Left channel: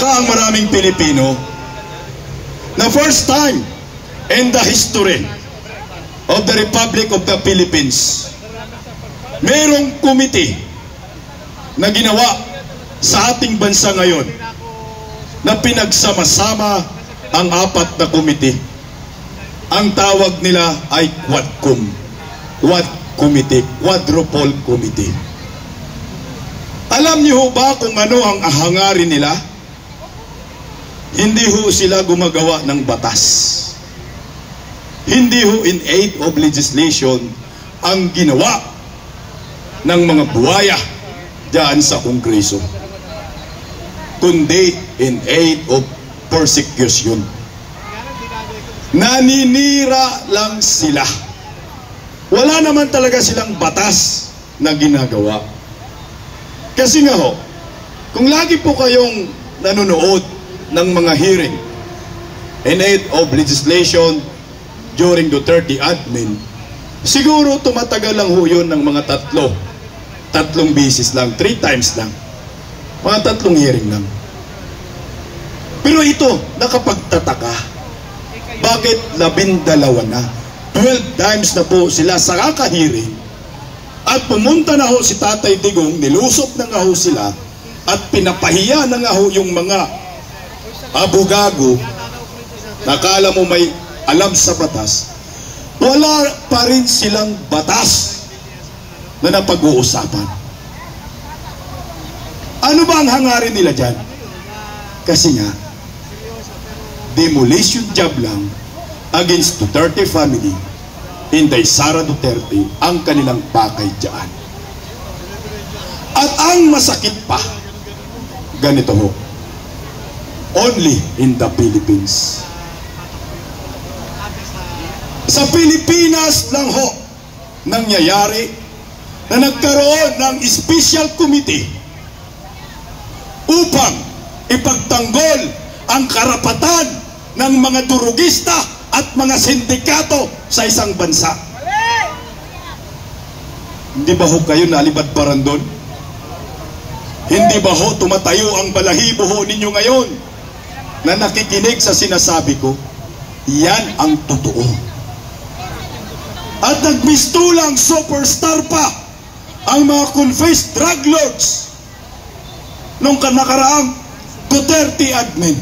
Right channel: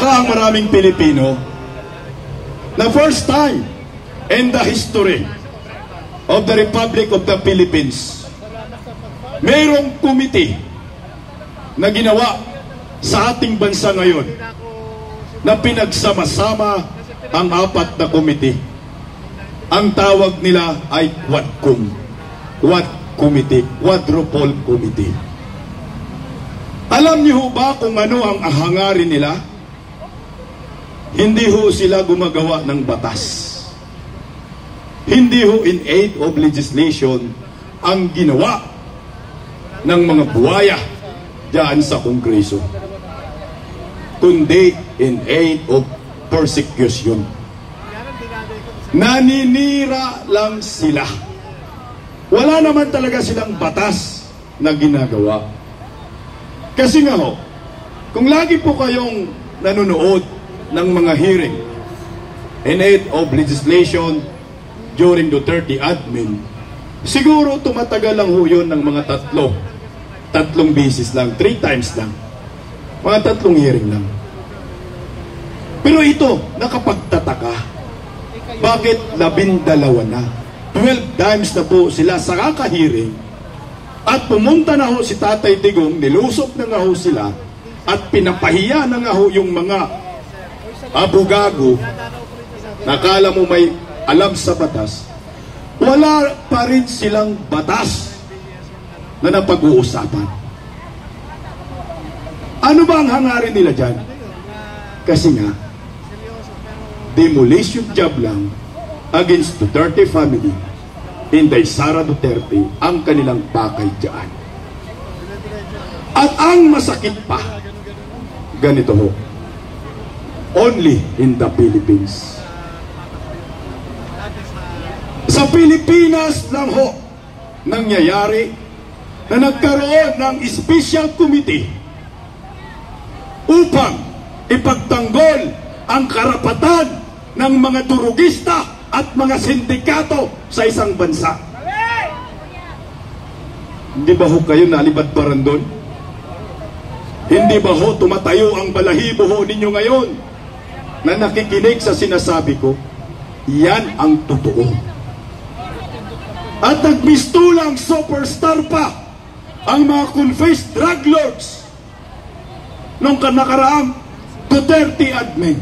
nagtataka ang maraming Pilipino na first time in the history of the Republic of the Philippines, mayroong committee na ginawa sa ating bansa ngayon na pinagsama-sama ang apat na committee. Ang tawag nila ay Quadcom. Quad Committee, Quadruple Committee. Alam niyo ba kung ano ang hangarin nila? Hindi ho sila gumagawa ng batas. Hindi ho in aid of legislation ang ginawa ng mga buwaya diyan sa Kongreso, kundi in aid of persecution. Naninira lang sila. Wala naman talaga silang batas na ginagawa. Kasi nga ho, kung lagi po kayong nanonood ng mga hearing in aid of legislation during Duterte admin, siguro tumatagal lang ho yun ng mga tatlong bisis lang, 3 times lang, mga 3 hearing lang. Pero ito, nakapagtataka. Bakit 12 na? 12 times na po sila sa kakahiring at pumunta na ho si Tatay Digong, nilusot na nga ho sila at pinapahiya na nga ho yung mga abogado. Nakala mo may alam sa batas, wala pa rin silang batas na napag-uusapan. Ano ba ang hangarin nila dyan? Kasi nga, demolition job lang against Duterte family, Inday Sara Duterte ang kanilang pakay dyan. At ang masakit pa, ganito ho, only in the Philippines. Sa Pilipinas lang ho nangyayari na nagkaroon ng special committee upang ipagtanggol ang karapatan ng mga durugista at mga sindikato sa isang bansa. Hindi ba ho kayo nalibadbaran doon? Hindi ba ho tumatayo ang balahibo ho ninyo ngayon na nakikinig sa sinasabi ko? Yan ang totoo. At nagmistulang superstar pa ang mga confessed drug lords nung nakaraang Duterte admin.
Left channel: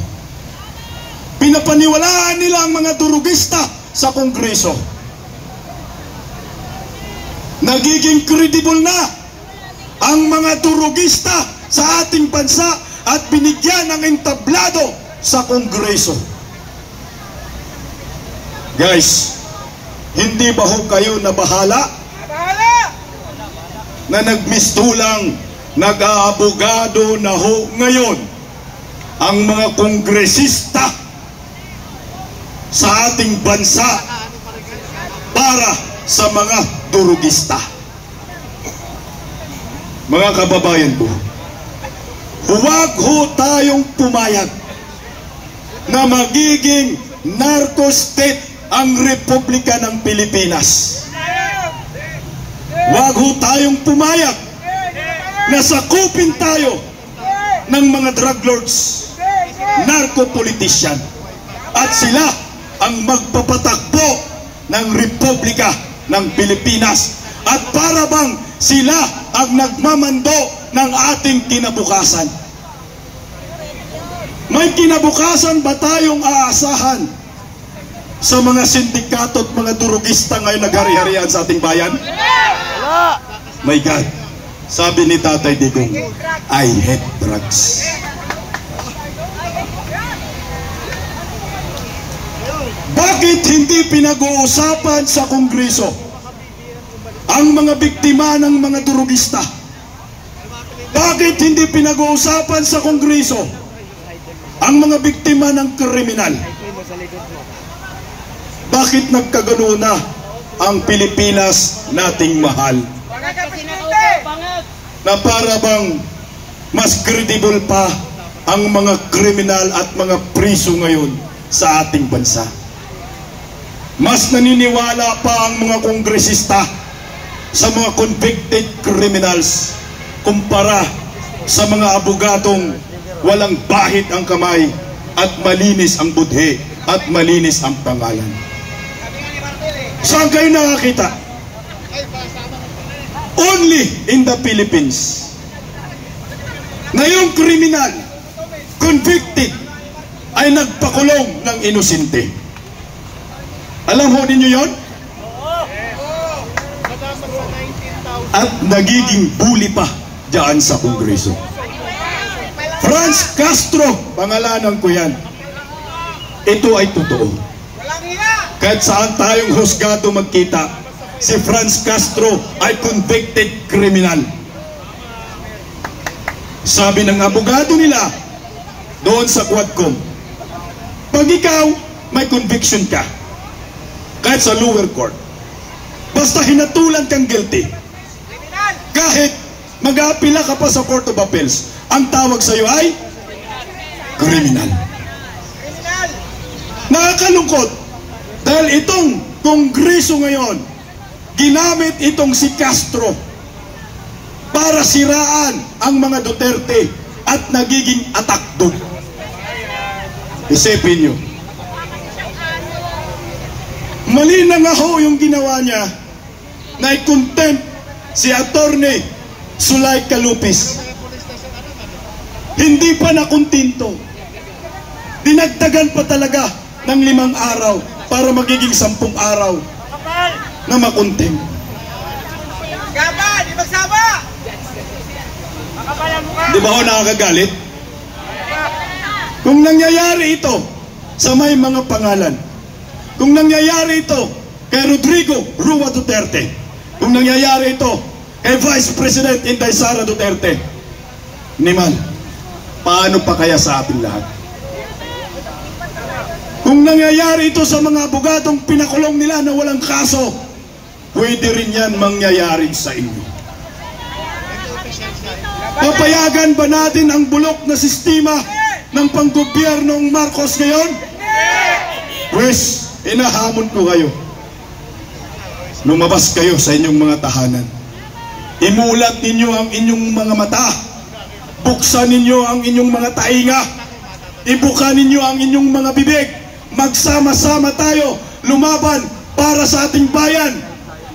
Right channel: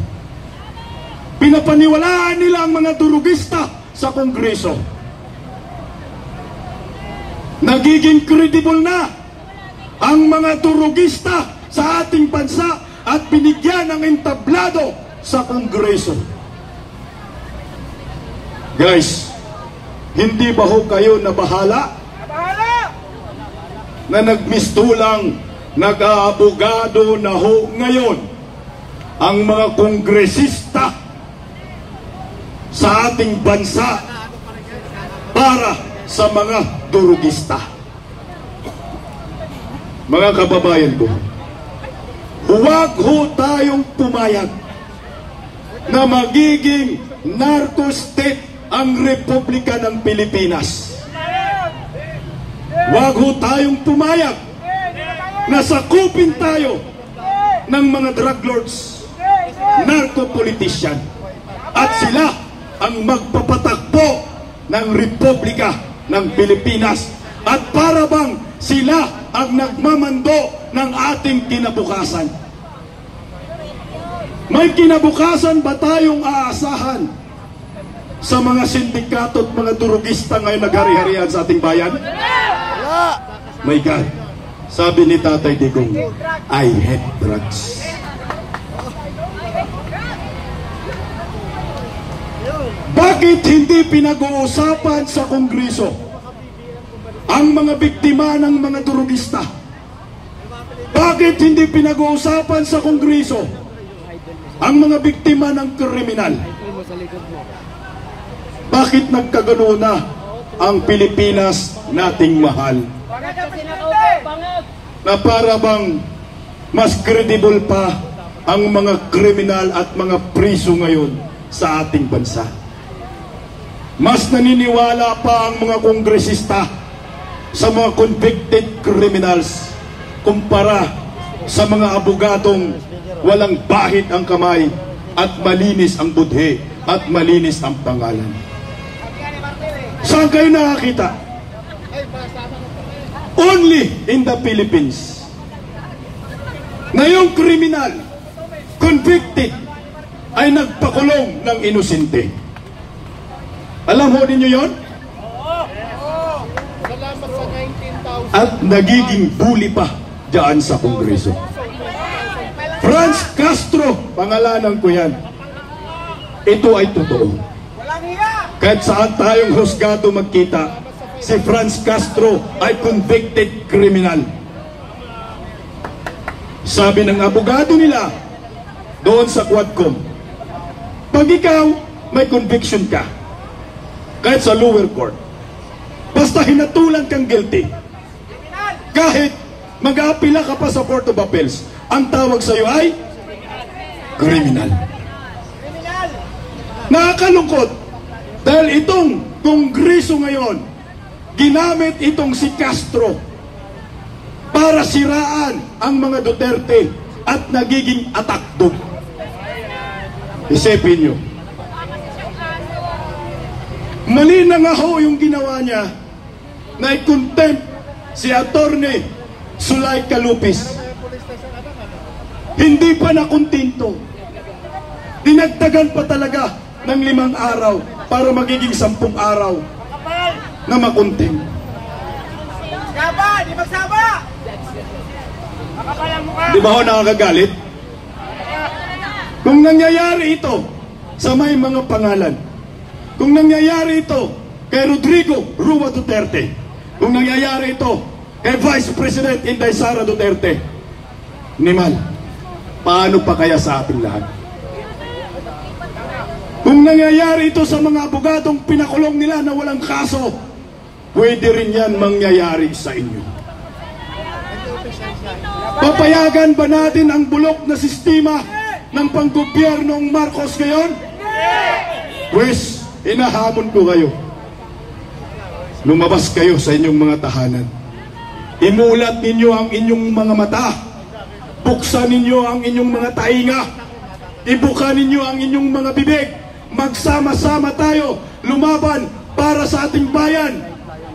Pinapaniwalaan nila ang mga durugista sa Kongreso. Nagiging credible na ang mga durugista sa ating bansa at binigyan ng entablado sa Kongreso. Guys, hindi ba ho kayo nabahala? Na nagmistulang nag-aabogado na ho ngayon ang mga kongresista sa ating bansa para sa mga durugista. Mga kababayan ko, huwag ho tayong pumayag na magiging narco state ang Republika ng Pilipinas. Huwag ho tayong pumayag na sakupin tayo ng mga drug lords, narco-politician, at sila ang magpapatakbo ng Republika ng Pilipinas at para bang sila ang nagmamando ng ating kinabukasan. May kinabukasan ba tayong aasahan sa mga sindikato at mga durugista ngayon naghari-harian sa ating bayan? My God, sabi ni Tatay Digong, I hate drugs. Bakit hindi pinag-uusapan sa Kongreso ang mga biktima ng mga durugista? Bakit hindi pinag-uusapan sa Kongreso ang mga biktima ng kriminal? Bakit nagkagano na ang Pilipinas nating mahal? Na para bang mas credible pa ang mga kriminal at mga priso ngayon sa ating bansa. Mas naniniwala pa ang mga kongresista sa mga convicted criminals kumpara sa mga abogadong walang bahid ang kamay, at malinis ang budhe, at malinis ang pangalan. Saan kayo nakakita? Only in the Philippines na yung kriminal, convicted, ay nagpakulong ng inosente. Alam ho ninyo yon? At nagiging bully pa diyan sa Kongreso. Franz Castro, pangalanan ko yan. Ito ay totoo. Kahit saan tayong husgado magkita, si Franz Castro ay convicted criminal. Sabi ng abogado nila doon sa Quadcom, pag ikaw may conviction ka, kahit sa lower court, basta hinatulan kang guilty, kahit mag-aapila ka pa sa Court of Appeals, ang tawag sa iyo ay criminal. Nakakalungkot dahil itong Kongreso ngayon, ginamit itong si Castro para siraan ang mga Duterte at nagiging atakdog. Isipin nyo, mali na nga ho yung ginawa niya na i-contempt si Attorney Sulay Calupis. Hindi pa nakuntinto. Dinagdagan pa talaga ng 5 araw para magiging 10 araw na makontempt. Gaba, di magsama! Di ba ho nakakagalit? Kung nangyayari ito sa may mga pangalan, kung nangyayari ito kay Rodrigo Rua Duterte, kung nangyayari ito kay Vice President Inday Sara Duterte, Nimal, paano pa kaya sa ating lahat? Kung nangyayari ito sa mga abogadong pinakulong nila na walang kaso, pwede rin yan mangyayari sa inyo. Papayagan ba natin ang bulok na sistema ng panggobyernong Marcos ngayon? Pues, inahamon ko kayo. Lumabas kayo sa inyong mga tahanan. Imulat ninyo ang inyong mga mata. Buksan ninyo ang inyong mga tainga. Ibuka ninyo ang inyong mga bibig. Magsama-sama tayo lumaban para sa ating bayan.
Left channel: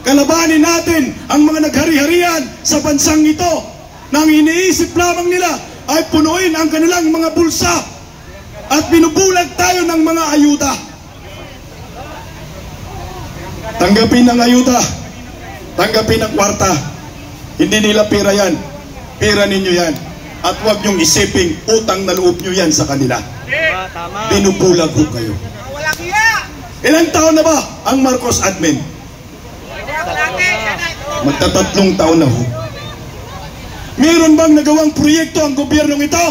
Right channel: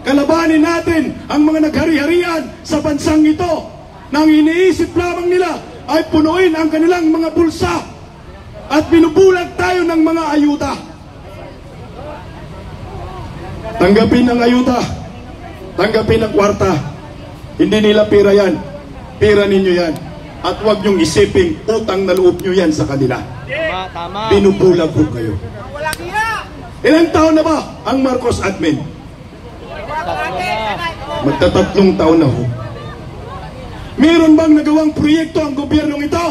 Kalabanin natin ang mga naghari-harian sa bansang ito nang iniisip lamang nila ay punuin ang kanilang mga bulsa at binubulag tayo ng mga ayuda. Tanggapin ang ayuda, tanggapin ang kwarta. Hindi nila pera yan, pera ninyo yan. At huwag niyong isiping utang na loob nyo yan sa kanila. Binubulag ko kayo. Ilang taon na ba ang Marcos admin? Magta-3 taon na ho. Meron bang nagawang proyekto ang gobyernong ito?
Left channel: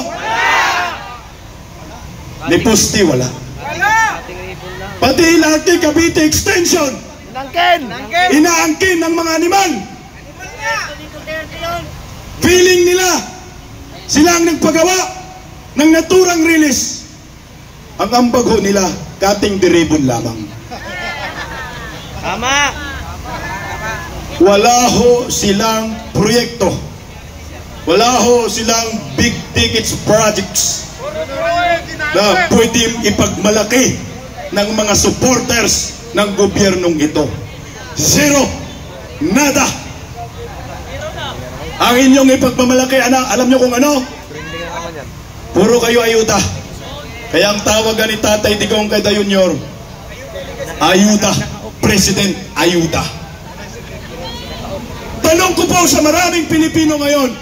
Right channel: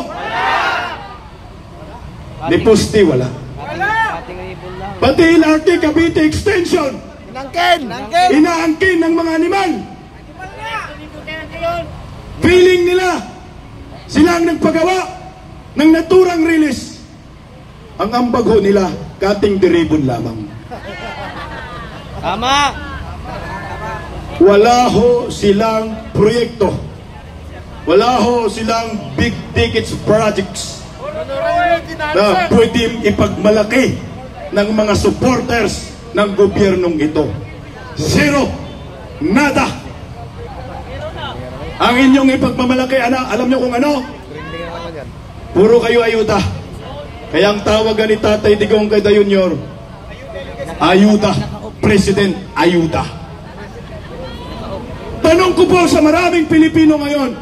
Ni Pusti, wala. Pati LRT Cavite Extension, inaangkin ng mga animal. Feeling nila sila ang nagpagawa ng naturang release. Ang ambag ho nila, kating diribon lamang. Tama! Wala ho silang proyekto. Wala ho silang big tickets projects na pwedeng ipagmalaki ng mga supporters ng gobyernong ito. Zero. Nada. Ang inyong ipagmamalaki, alam nyo kung ano? Puro kayo ayuda. Kaya ang tawagan ni Tatay Digong kay Junior, ayuda. President, ayuda. Tanong ko po sa maraming Pilipino ngayon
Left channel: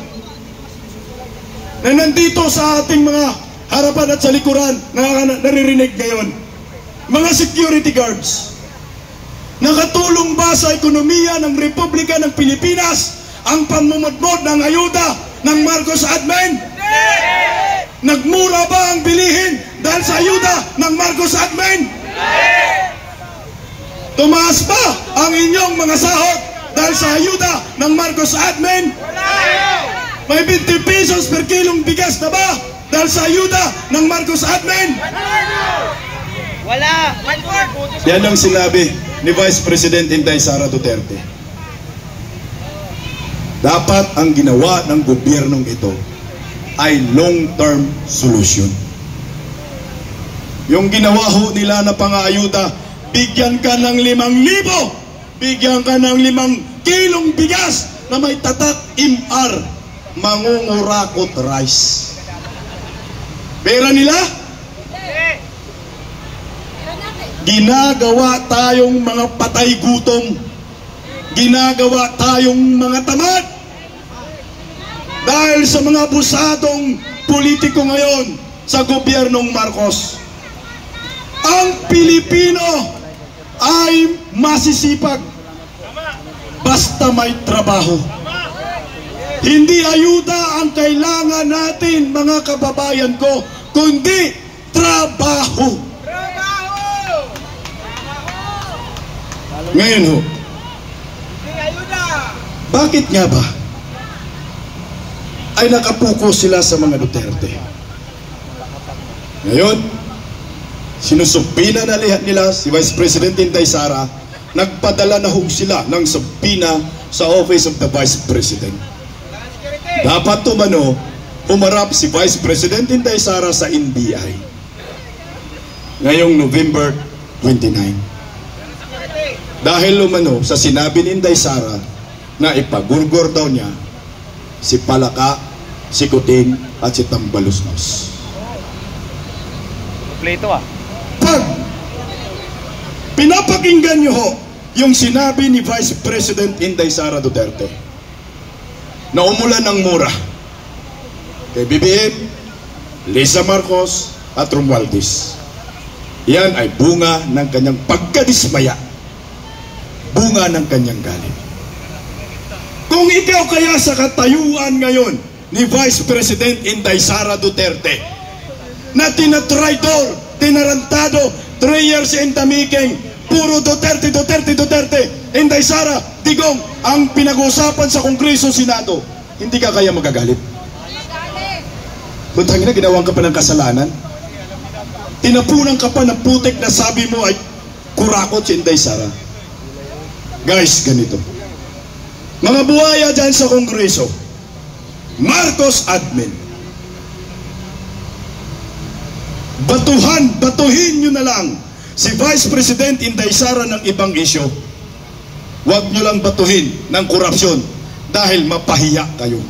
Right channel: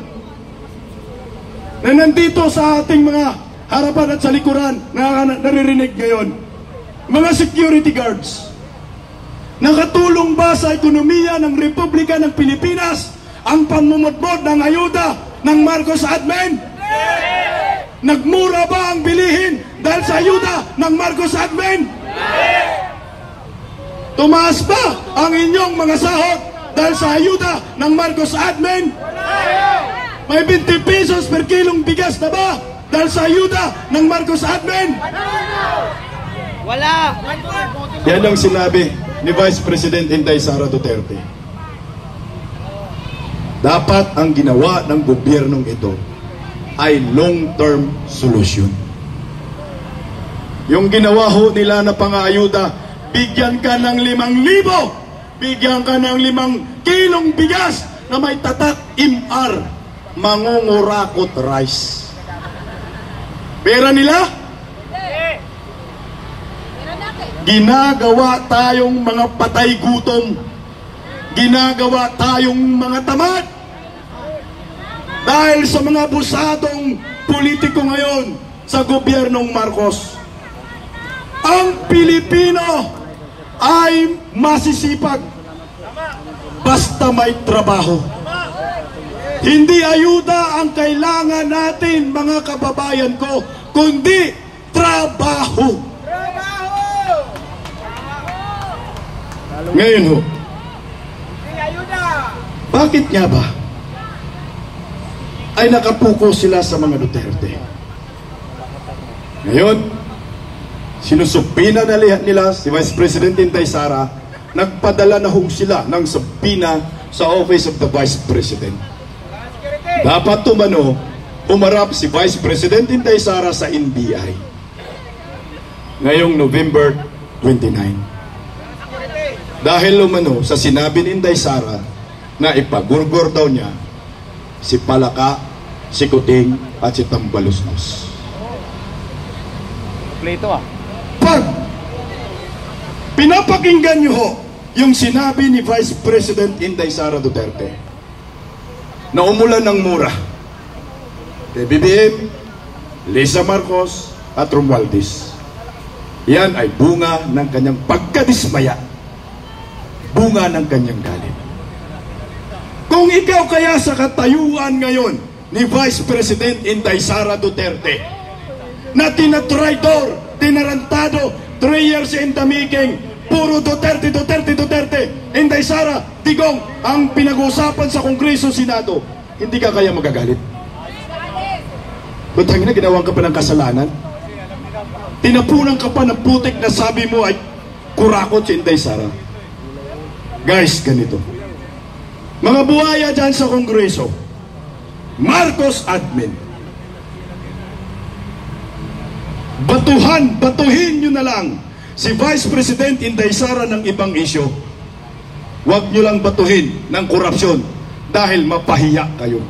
na nandito sa ating mga harapan at sa likuran na naririnig ngayon, mga security guards, nakatulong ba sa ekonomiya ng Republika ng Pilipinas ang pamumudmod ng ayuda ng Marcos admin? Nagmura ba ang bilihin dahil sa ayuda ng Marcos admin? Tumaas ba ang inyong mga sahod dahil sa ayuda ng Marcos admin? May 20 pesos per kilong bigas na ba dahil sa ayuda ng Marcos admin? Wala! Yan ang sinabi ni Vice President Inday Sara Duterte. Dapat ang ginawa ng gobyernong ito, ay long-term solution. Yung ginawa ho nila na pang-aayuda, bigyan ka ng 5,000, bigyan ka ng 5 kilong bigas na may tatak MR, mangungurakot rice. Pera nila? Ginagawa tayong mga patay gutom. Ginagawa tayong mga tamad. Dahil sa mga busadong politiko ngayon sa gobyernong Marcos. Ang Pilipino ay masisipag basta may trabaho. Hindi ayuda ang kailangan natin, mga kababayan ko, kundi trabaho. Ngayon ho, bakit nga ba ay nakapuko sila sa mga Duterte? Ngayon, sinusubpina na nila si Vice President Inday Sara, nagpadala na ho sila ng subpina sa Office of the Vice President. Dapat tumano, humarap si Vice President Inday Sara sa NBI ngayong November 29. Dahil umano sa sinabi ni Inday Sara na ipagurgor daw niya si Palaka, si Kuting at si Tambalusnos. Kompleto ah. Pag pinapakinggan niyo ho yung sinabi ni Vice President Inday Sara Duterte na umulan ng mura kay BBM, Lisa Marcos at Romualdez, yan ay bunga ng kanyang pagkadismaya, bunga ng kanyang galit. Kung ikaw kaya sa katayuan ngayon ni Vice President Inday Sara Duterte na tinatraidor, tinarantado, 3 years in the making, puro Duterte, Duterte, Duterte, Inday Sara, Digong ang pinag-uusapan sa Kongreso, Senado, hindi ka kaya magagalit? Kung tangina, ginawang ka pa ng kasalanan, tinapunan ka pa ng putik na sabi mo ay kurakot si Inday Sara. Guys, ganito, mga buhaya dyan sa Kongreso, Marcos admin, batuhin nyo na lang si Vice President Inday Sara ng ibang isyo. Huwag nyo lang batuhin ng korupsyon dahil mapahiya kayo.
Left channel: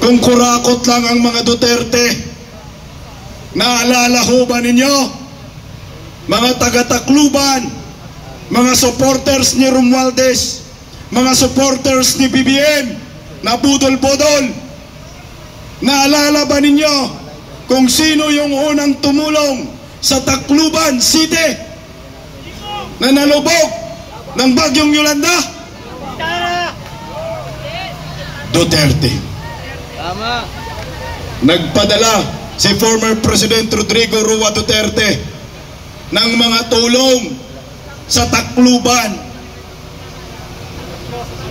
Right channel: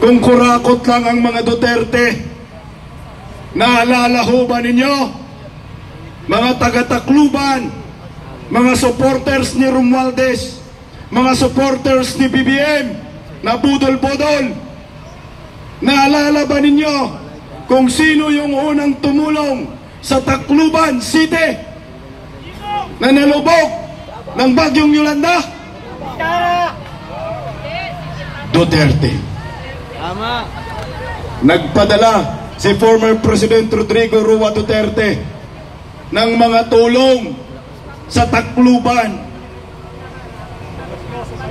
Kung kurakot lang ang mga Duterte, naalala ho ba ninyo, mga taga-Tacloban, mga supporters ni Romualdez, mga supporters ni BBM na budol-budol, naalala ba ninyo kung sino yung unang tumulong sa Tacloban City na nalubog ng bagyong Yolanda? Duterte. Nagpadala si former President Rodrigo Roa Duterte ng mga tulong sa Tacloban.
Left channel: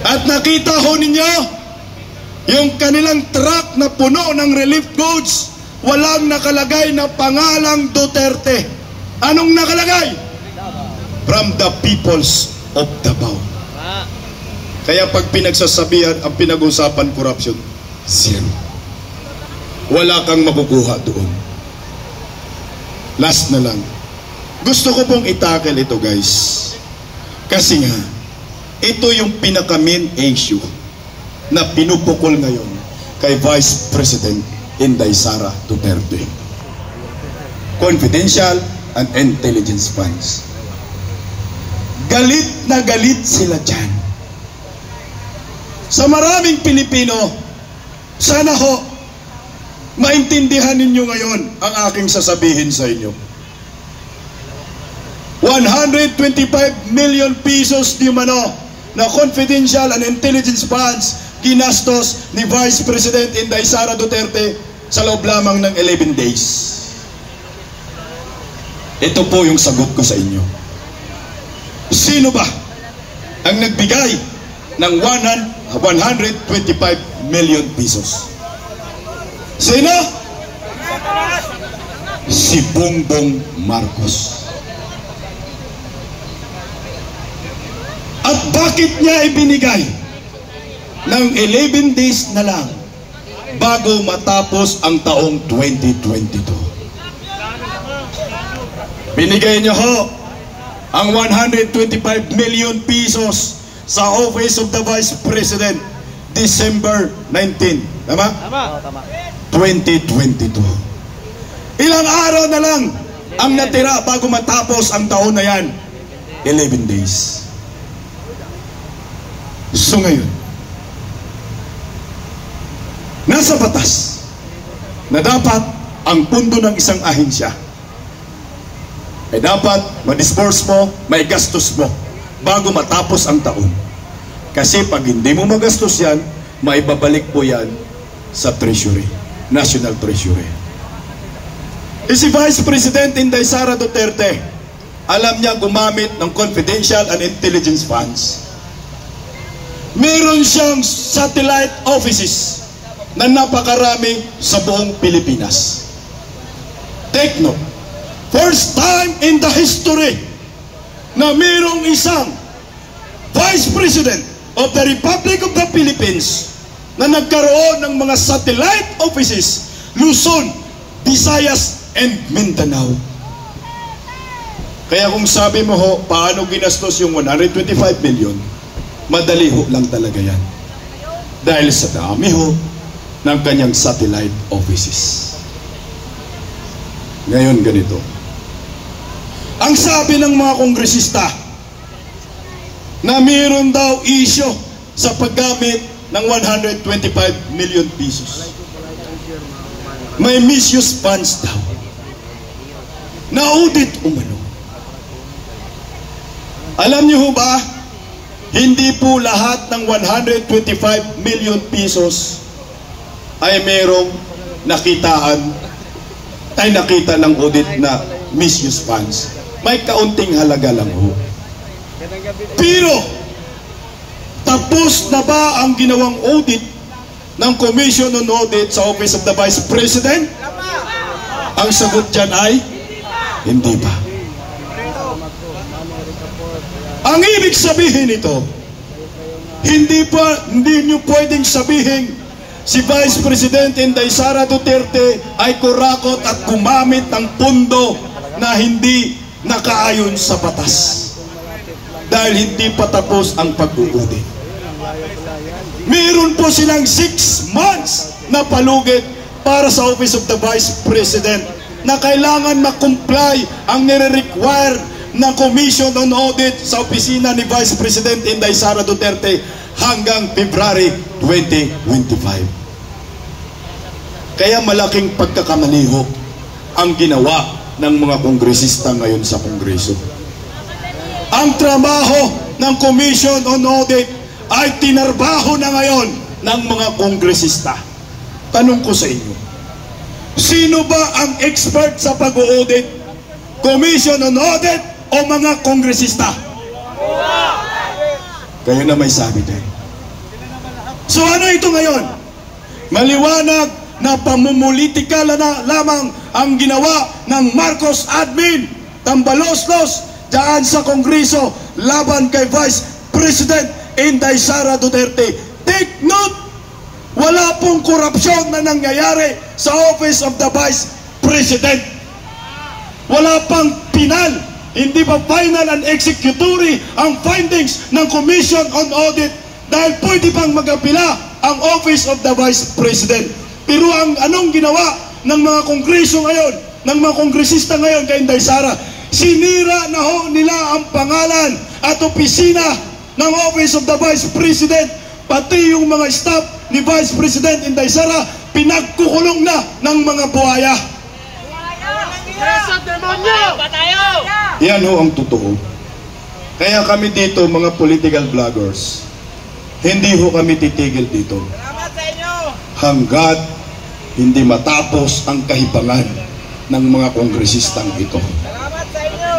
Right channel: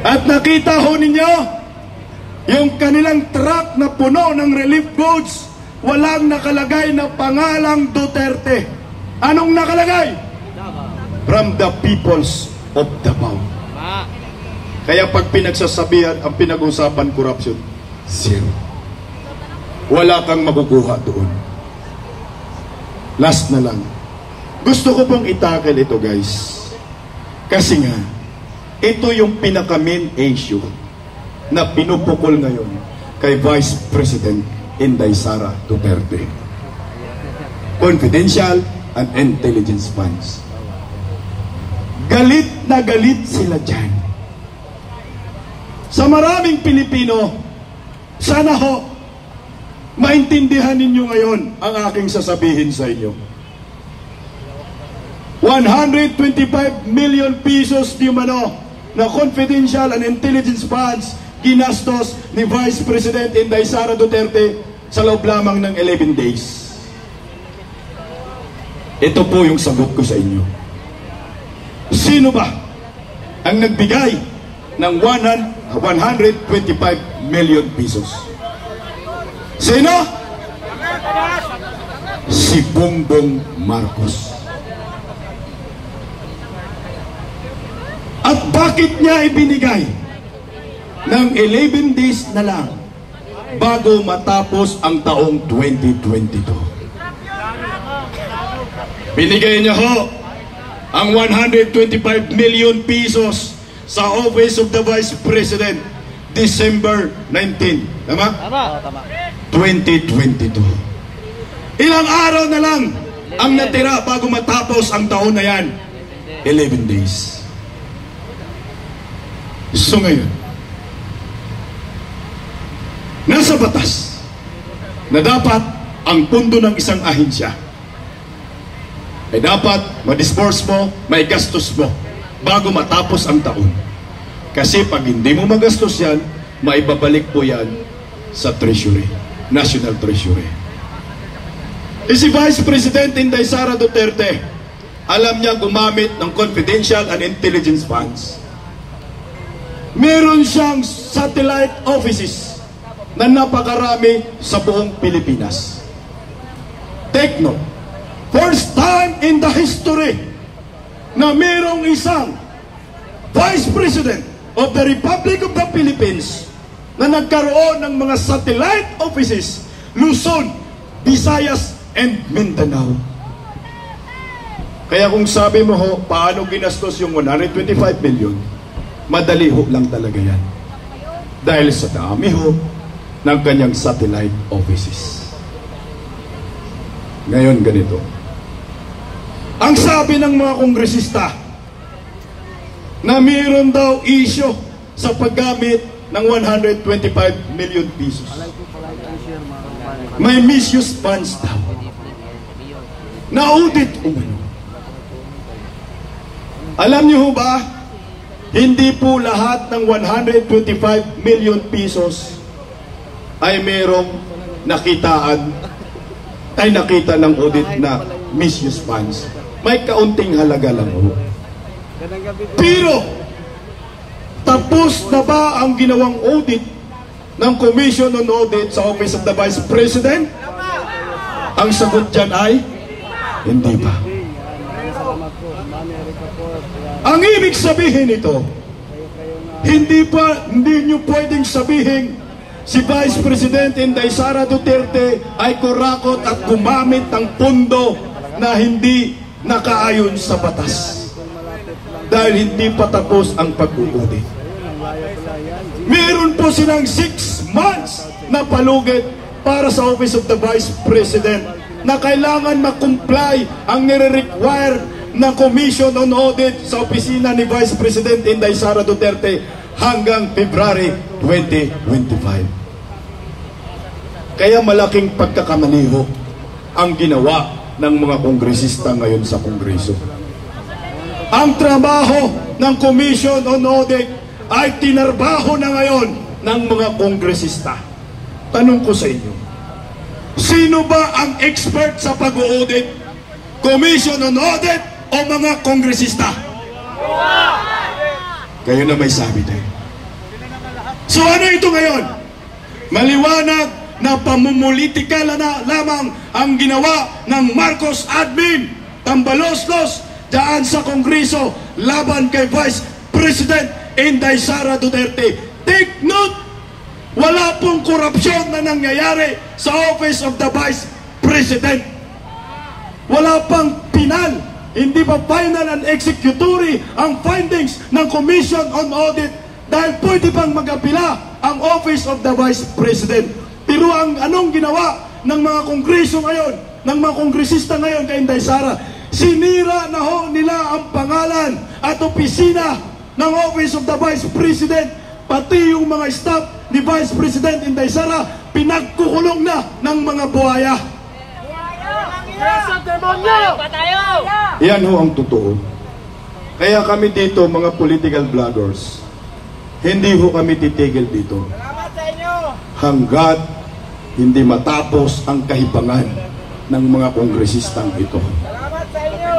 At nakita ho ninyo yung kanilang truck na puno ng relief goods, walang nakalagay na pangalang Duterte. Anong nakalagay? From the peoples of Davao. Kaya pag pinagsasabihan ang pinag-usapan corruption, zero. Wala kang makukuha doon. Last na lang, gusto ko pong itackle ito, guys, kasi nga ito yung pinaka-main issue na pinupukol ngayon kay Vice President Inday Sara Duterte. Confidential and intelligence funds. Galit na galit sila dyan. Sa maraming Pilipino, sana ho maintindihan ninyo ngayon ang aking sasabihin sa inyo. 125 million pesos di mano na confidential and intelligence funds ginastos ni Vice President Inday Sara Duterte sa loob lamang ng 11 days. Ito po yung sagot ko sa inyo. Sino ba ang nagbigay ng 125 million pesos? Sino? Si Bongbong Marcos. At bakit niya ibinigay? ng 11 days na lang bago matapos ang taong 2022. Binigay niyo ho ang 125 million pesos sa Office of the Vice President December 19. Tama? Tama. 2022. Ilang araw na lang ang natira bago matapos ang taon na yan. 11 days. So ngayon, nasa batas na dapat ang pundo ng isang ahensya ay dapat ma-disburse mo, may gastos mo bago matapos ang taon. Kasi pag hindi mo magastos yan, maibabalik po yan sa Treasury, National Treasury. Si Vice President Inday Sara Duterte, alam niya gumamit ng confidential and intelligence funds. Meron siyang satellite offices na napakarami sa buong Pilipinas. Take note, first time in the history na mayroong isang Vice President of the Republic of the Philippines na nagkaroon ng mga satellite offices, Luzon, Visayas, and Mindanao. Kaya kung sabi mo ho, paano ginastos yung 125 million, madali ho lang talaga yan. Dahil sa dami ho ng kanyang satellite offices. Ngayon ganito. Ang sabi ng mga kongresista na mayroon daw issue sa paggamit ng 125 million pesos. May misuse funds daw. Na-audit umano. Alam niyo ho ba, hindi po lahat ng 125 million pesos ay mayroong nakita ng audit na misuse funds. May kaunting halaga lang ho. Pero, tapos na ba ang ginawang audit ng Commission on Audit sa Office of the Vice President? Ang sagot dyan ay, hindi pa. Ang ibig sabihin nito, hindi nyo pwedeng sabihin si Vice President Inday Sara Duterte ay kurakot at gumamit ng pundo na hindi nakaayon sa batas. Dahil hindi pa tapos ang pag-audit. Meron po silang 6 months na palugit para sa Office of the Vice President na kailangan ma-comply ang nire-require ng Commission on Audit sa opisina ni Vice President Inday Sara Duterte hanggang February 2025. Kaya malaking pagkakamaliho ang ginawa ng mga kongresista ngayon sa Kongreso. Ang trabaho ng Commission on Audit ay tinarbaho na ngayon ng mga kongresista. Tanong ko sa inyo, sino ba ang expert sa pag-audit? Commission on Audit o mga kongresista? Kayo na may sabi din. So ano ito ngayon? Maliwanag na pamumulitikal na lamang ang ginawa ng Marcos admin, tambaloslos dyan sa Kongreso laban kay Vice President Inday Sara Duterte. Take note, wala pong korupsyon na nangyayari sa Office of the Vice President. Wala pang pinal, hindi pa final and executory ang findings ng Commission on Audit dahil pwede pang mag-apila ang Office of the Vice President. Pero ang anong ginawa ng mga kongreso ngayon, ng mga kongresista ngayon kay Inday Sara, sinira na ho nila ang pangalan at opisina ng Office of the Vice President, pati yung mga staff ni Vice President Inday Sara, pinagkukulong na ng mga buhaya. Yan ho ang totoo. Kaya kami dito, mga political vloggers, hindi ho kami titigil dito. Salamat sa inyo. Hanggat hindi matapos ang kahibangan ng mga kongresistang ito. Salamat sa inyo.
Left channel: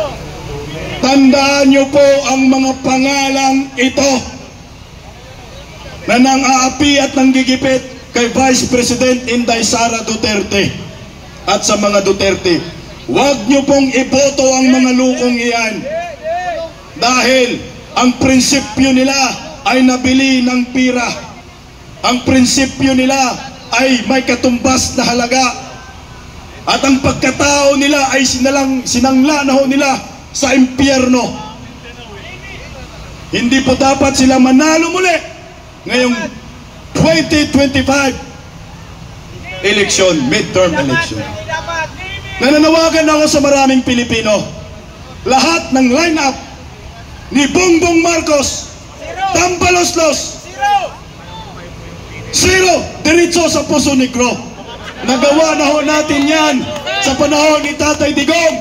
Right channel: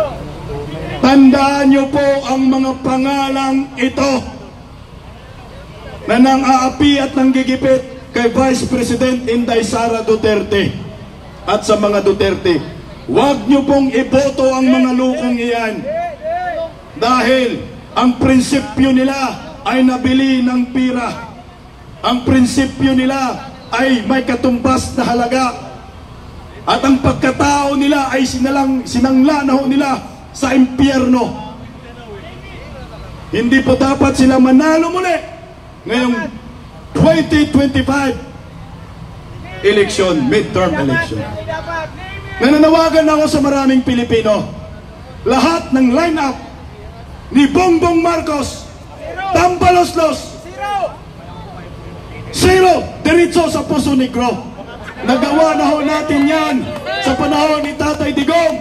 Tandaan niyo po ang mga pangalang ito na nang-aapi at nanggigipit kay Vice President Inday Sara Duterte at sa mga Duterte. Huwag niyo pong iboto ang mga lukong iyan dahil ang prinsipyo nila ay nabili ng pira. ang prinsipyo nila ay may katumbas na halaga at ang pagkatao nila ay sinangla na ho nila sa impyerno. Hindi po dapat sila manalo muli ngayong 2025 election, midterm election. Nananawagan ako sa maraming Pilipino. Lahat ng line-up ni Bongbong Marcos, Tambaloslos, zero, diretso sa Puso Negro. Nagawa na ho natin yan sa panahon ni Tatay Digong.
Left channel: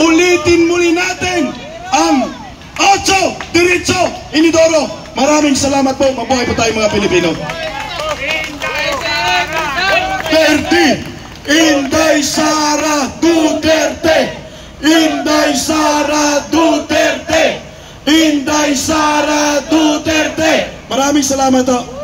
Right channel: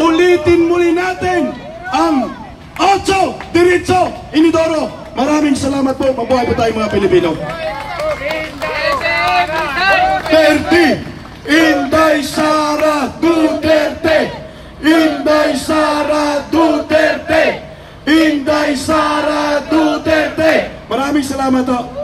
Ulitin muli natin ang 8, diretso, Inidoro. Maraming salamat po. Mabuhay po tayo mga Pilipino. Inday Sara Duterte, Inday Sara Duterte, Inday Sara Duterte. Maraming salamat po.